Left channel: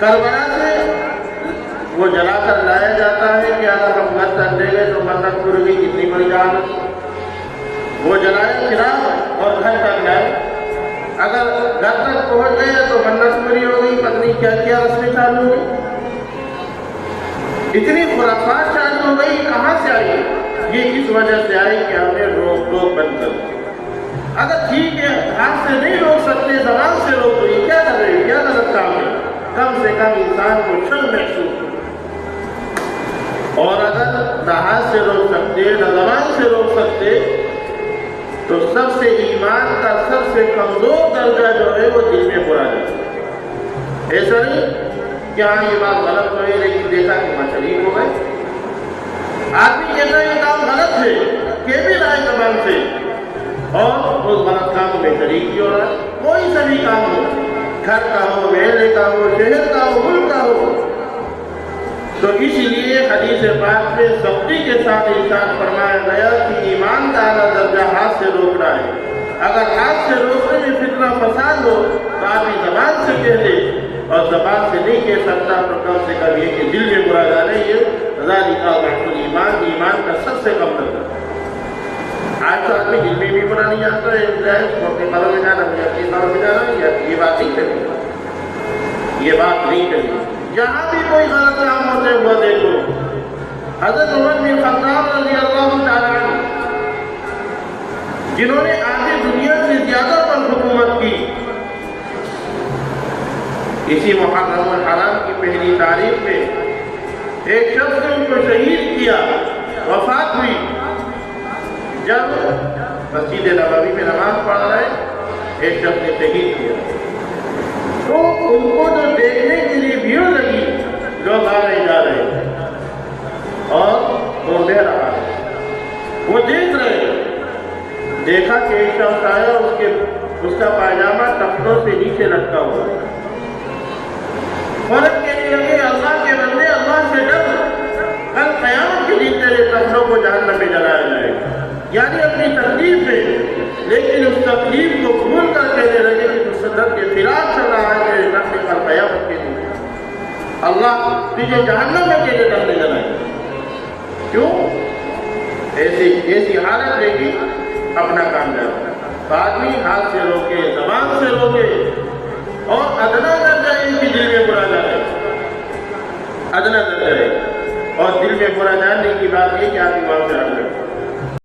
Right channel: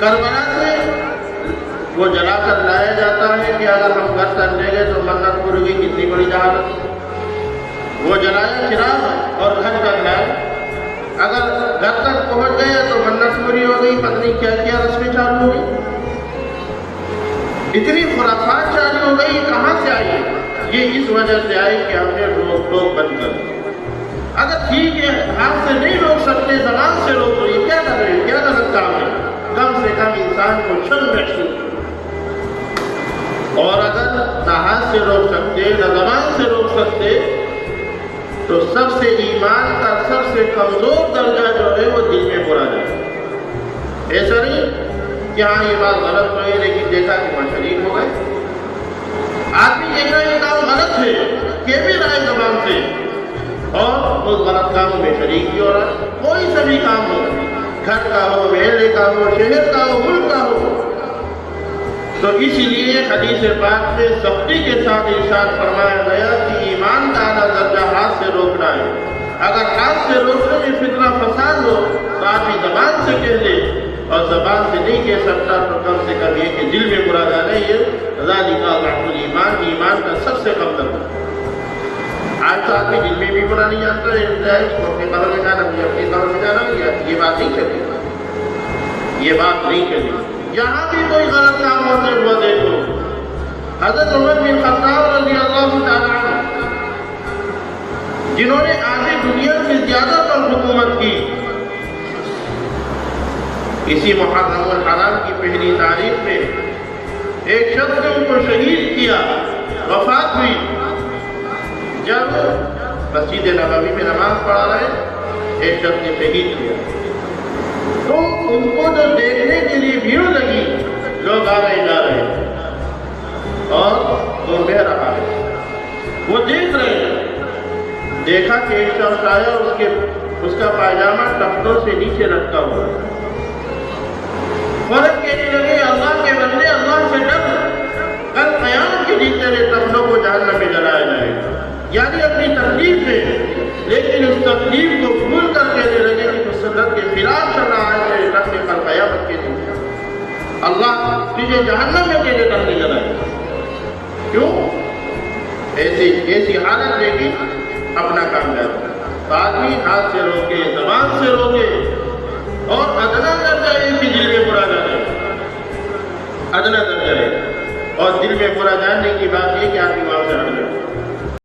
کربلا سے وہ جلا کر لایا جاتا ہے کہ اگر ہم گھر تک لے گئے تو منت پوری ہوئی، کتنی بڑی جہالت۔ وہ جلایا چراغ اور گھر تک لائے، اگر گھر تک پہنچ گئے تو منت پوری ہو گئی، پتہ نہیں کیا کیا رسمیں چالو ہو گئی، اتنی خلافات چالو ہو گئی۔ کہاں سے آئی؟ یہ اس وجہ سے آئی کہ ہم نے روک ٹوک بند کر دی۔ اگر ٹھیک ہے ہاتھ سے نہیں روک سکتے، زبان سے روک رہی، کیا کر رہے ہیں؟ کیا غلط کام ہے؟ کم سے کم انسان کو شرم محسوس ہو۔ اور اگر نہ ہاتھ سے روک سکتے نہ زبان سے روک سکتے تو سب سے ایمان کا سب سے کمزور درجہ جو ہے وہ دل میں برا ہے۔ ایسا نہیں کہ ہاں یہ بات غلط ہوئی لیکن دیکھا کہ وہاں شریک ہو گئے۔ آدمی کہتا ہے یہ کام غلط ہے کہ بھی رائے زبان سے اور اس غلط کام میں شریک بھی ہو رہا ہے۔ کوئی سا بھی کام ہو، گھر کا ہو، محلے کا ہو، شہر کا ہو، ملک کا ہو، تو اسی لیے حدیث پاک میں سختی کے ساتھ ارشاد فرمایا گیا کہ ایمان کا اعلیٰ درجہ ہاتھ سے روکنا ہے۔ اگر ہاتھ سے روکنے میں فتنہ فساد ہو تو آدمی زبان سے کہہ دے، اور زبان سے نہیں کہہ سکتا تو کم سے کم یہ کہ دل میں برا جانا یہ ذالک ضعف الایمان، ایمان کا سب سے کم درجہ۔ آج تو آدمی دل میں بھی برا نہیں جانتا ہے، چاہے اس کو اپنے بارے میں جانا ہے، اپنے کام میں جانا ہے، یہ بات نہیں کرنی، یہ بات نہیں کرنی۔ جہاں بھی کوئی غلط کام ہوتے وہ دیکھو۔ حضرت عمر بن خطاب رضی اللہ تعالیٰ عنہ جنہوں نے آدھی دنیا سے زیادہ پر حکومت کی، اسی محرم الحرام کی پہلی تاریخ میں ایک شخص نے ان کو شہید کیا، وفات ہوئی۔ جب مسجد نبوی میں نماز پڑھا رہے ایک شخص نے شہید کیا تو ان کو جو دیکھنے کے لیے بھیڑ لگی، لوگ آ رہے جا رہے اور وہ بہ رہا ہے، وہ دیکھ رہے ہیں، دیکھا کہ ایک شخص آیا، اس کا پائجامہ ٹخنوں سے نیچے لٹکا ہوا، فرق کہنے لگے اللہ کے بندے اللہ سے ڈر، کل قیامت کے دن تیرے ٹخنوں کو جہنم میں جلایا جائے گا۔ یعنی اپنی تکلیف میں، لیکن اس تکلیف کو بھول کر کہنے لگے کہ جو سنت کے خلاف چل رہا ہے تیرے ٹخنے پر قیامت کے دن اللہ تجھے جہنم میں تیرے ٹخنے جلائے گا۔ کیوں؟ ایسی حالت لے گی اپنا کام جائے۔ تو آدمی ہاتھ سے روکے، زبان سے روکے، اور ادنا درجہ ان کی دل میں برا جانے، ادنا درجہ ہے۔ اور دل میں برا جاننے کی بات یہ کہ آپ